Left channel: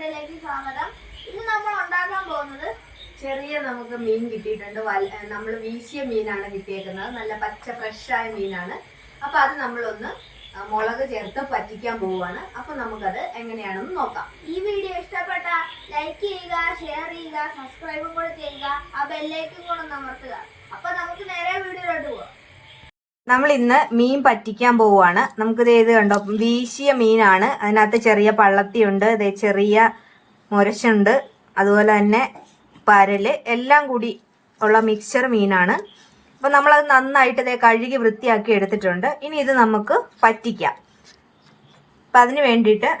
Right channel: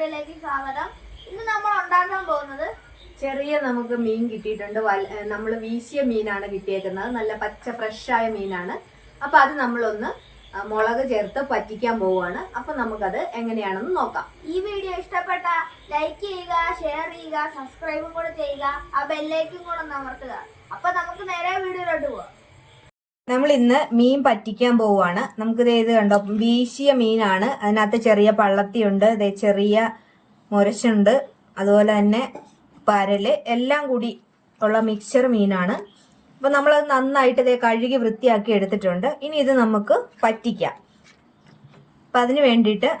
വീഡിയോയിലേക്ക് സ്വാഗതം. ഇന്ന് നമ്മൾ ഉണ്ടാക്കാൻ പോകുന്നത് ചെറിയ നമുക്ക് മീൻ കിട്ടിയിട്ടുണ്ട്. നമ്മൾ വീശിയ മീനാണ് കിട്ടിയേക്കുന്നത്. നല്ല പച്ച ഫ്രഷായ മീനാണ്. അപ്പോൾ അത് നമ്മളൊന്ന് മുളക് ചേർത്ത് പറ്റിക്കാൻ പോവുകയാണ്. അപ്പോൾ നമുക്കത് എങ്ങനെയാണെന്ന് നോക്കാം. ഈ വീഡിയോ ഇഷ്ടപ്പെട്ട ലൈക്ക് ചെയ്യുക, ഷെയർ ചെയ്യുക, സബ്സ്ക്രൈബും കൂടെ ചെയ്യുക, ആ ബെല്ലൈക്കും കൂടെ അമർത്തുക. അപ്പോൾ നമുക്ക് നേരെ വീഡിയോയിലോട്ട് പോവാം. നമ്മൾ ഇന്ന് മീൻ പറ്റിക്കാൻ പോവുകയാണ്. നമുക്കിത് ഏത് കണ്ടോ, വീശിയ മീനാണ്. അതിനകത്ത് ചെറിയ പള്ളത്തിയുണ്ട്, ചെറിയ മുരശുണ്ട്, അതുപോലെ തന്നെ പരല്, എല്ലാം കൂടി ഉള്ള മിക്സർ മീനാണ്. അപ്പോൾ നമ്മളത് നന്നായിട്ട് കഴുകി വൃത്തിയാക്കി എടുത്തിട്ടുണ്ട്. ഇനി ഇത് നമുക്ക് പറ്റിക്കാം. അപ്പം അതിന് വേണ്ടിയിട്ട്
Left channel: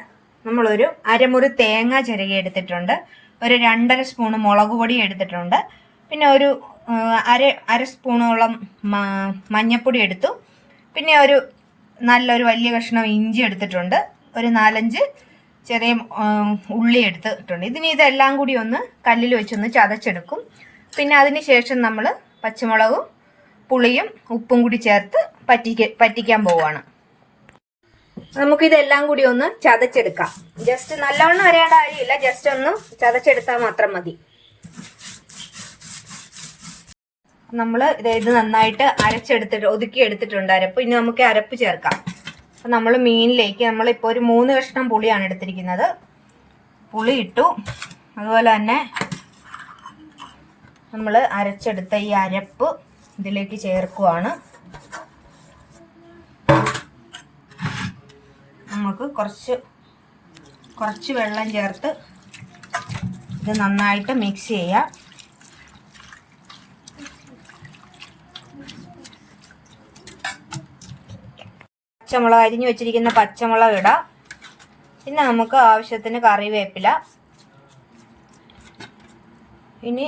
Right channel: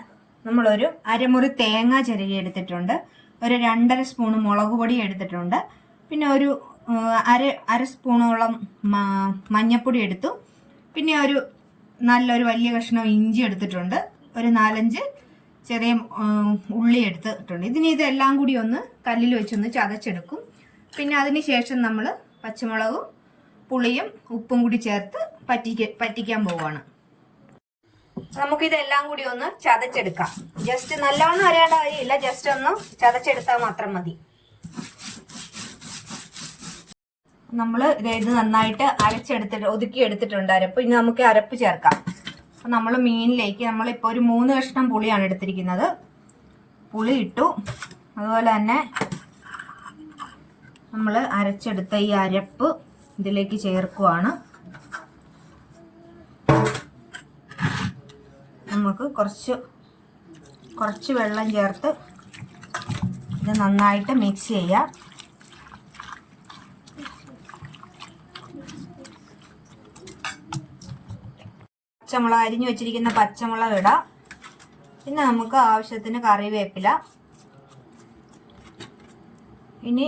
നമ്മളൊരു അരമുറി തേങ്ങ ചിരകി എടുത്തിട്ടുണ്ട്, ഒരു 2.5 സ്പൂണ് മുളക് പൊടി എടുത്തിട്ടുണ്ട്, പിന്നെ ഒരു അര സ്പൂണോളം മഞ്ഞൾപ്പൊടി എടുത്തു, പിന്നെ നല്ലൊരു വലിയ കഷ്ണം ഇഞ്ചി എടുത്തിട്ടുണ്ട്, ഒരു 4-5 ചെറിയ ഉള്ളി എടുത്തിട്ടുണ്ട്. ഇതെല്ലാം കൂടി ഒന്ന് കല്ലിൽ വെച്ചൊന്ന് ചതച്ചെടുക്കും. പിന്നെ അതിന് ശേഷം നമ്മൾ പച്ചമുളകും പുളിയും ഉപ്പും കൂടി ചേർത്ത് പറ്റിക്കാൻ പോവുകയാണ്. നമുക്കിതെല്ലാം കൂടി ഒന്ന് ചതച്ചെടുക്കാം. ജസ്റ്റ് നല്ലവണ്ണം അരയേണ്ട കാര്യമില്ല, ജസ്റ്റ് ഒന്ന് ചതച്ചെടുത്താൽ മാത്രം മതി. നമ്മൾ ഇത് നന്നായിട്ട് ഒതുക്കി എടുത്തിട്ടുണ്ട് അരപ്പ്. ഇനി നമുക്ക് അരപ്പ് ചേർക്കാം. അപ്പം നമ്മൾ മീനിലേക്ക് നമ്മളിപ്പോൾ ഒരു 3 കഷ്ണം പുളിയാണ് എടുത്തിരിക്കുന്നത്. പുളി ഇട്ടു. അതുപോലെ തന്നെ നമ്മൾ അരച്ചെടുത്ത ഈ അരപ്പ് ഇതിലേക്ക് ചേർക്കുവാണ്. നമുക്ക് കുറച്ച് വെള്ളം ചേർത്ത് ഇത് നന്നായിട്ട് മിക്സ് ചെയ്യാം. പച്ചമുളക്, അരിഞ്ഞു വെച്ചിരിക്കുന്ന പച്ചമുളക് ഇടാം. പിന്നെ നമുക്ക് ആവശ്യത്തിന് കറിവേപ്പില, ഇനി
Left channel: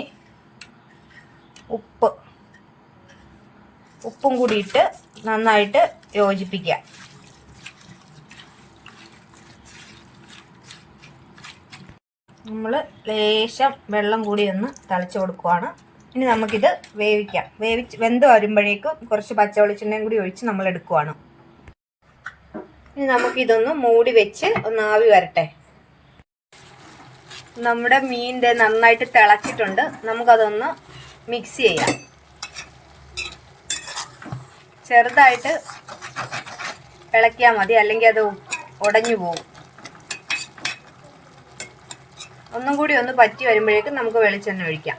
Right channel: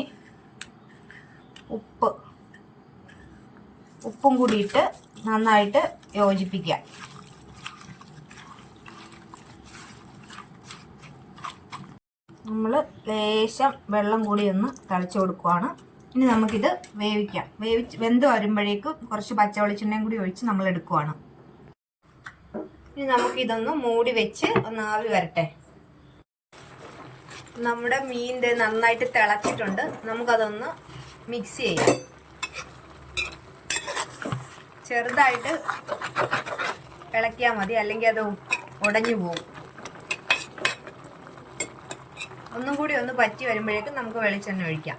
ഉപ്പും കൂടി ഇട്ട് നന്നായിട്ട് യോജിപ്പിക്കാം. നമ്മൾ ലേശം വെള്ളം കൂടി ഒന്ന് തളിച്ചു കൊടുക്കുവാണ്. ഇനി നമുക്കിത് വേവിക്കാം. വെന്ത് വരുമ്പോഴേക്കും കുറച്ച് പച്ച വെളിച്ചെണ്ണയും കൂടി ഒഴിച്ച് നമ്മൾ എടുക്കുവാണ്. ഇനി നമുക്കിതൊന്ന് മൂടി വെച്ച് ഒന്ന് ആവി വരട്ടെ. നമ്മുടെ മീൻ നന്നായിട്ട് തിളച്ചിട്ടുണ്ട്. നമുക്കതൊന്ന് മിക്സ് ചെയ്യാം. ചെറുതായിട്ട് ഇളക്കിയാൽ മതി, അല്ലെങ്കിൽ അത് ഉടഞ്ഞു പോകും. ഒന്നും കൂടി ഒന്ന് പറ്റി വരുമ്പോഴേക്കും നമുക്ക് വെളിച്ചെണ്ണ ഒഴിക്കാം.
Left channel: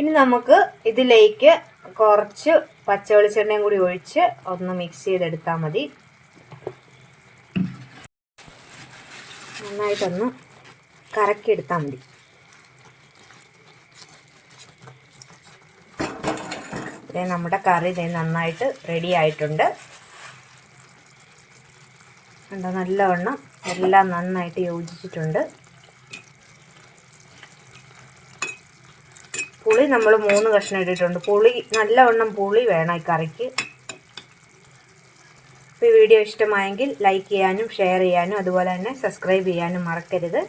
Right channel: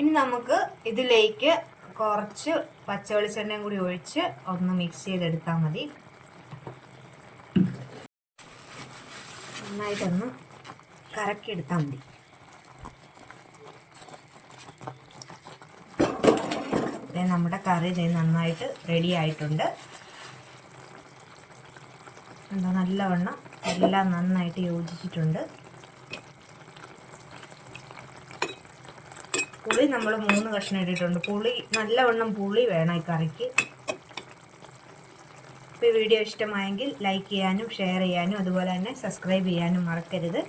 ഇനി നമുക്ക് ഇതിലേക്ക് കുറച്ച് പച്ച വെളിച്ചെണ്ണയും കൂടി ഒഴിച്ച് ഒന്ന് മിക്സ് ചെയ്തെടുത്താൽ മതി. നന്നായിട്ടൊന്ന് കറക്കിയെടുത്താൽ മതി. നമ്മുടെ കറി നന്നായിട്ട് റെഡി ആയിട്ടുണ്ട്. എന്താ, നല്ലവണ്ണം എല്ലാം നന്നായിട്ട് യോജിച്ചിട്ടുണ്ട്. പുളി നമ്മൾ 3 കഷ്ണം ഇട്ടിട്ടുണ്ട്. നല്ലവണ്ണം പുളി വേണം ഈ കറിക്ക്. ഈ വീഡിയോ ഇഷ്ടമായെങ്കിൽ ലൈക്ക് ചെയ്യാനും ഷെയർ ചെയ്യാനും അതുപോലെ തന്നെ സബ്സ്ക്രൈബ് ചെയ്യാനും മറക്കരുത്.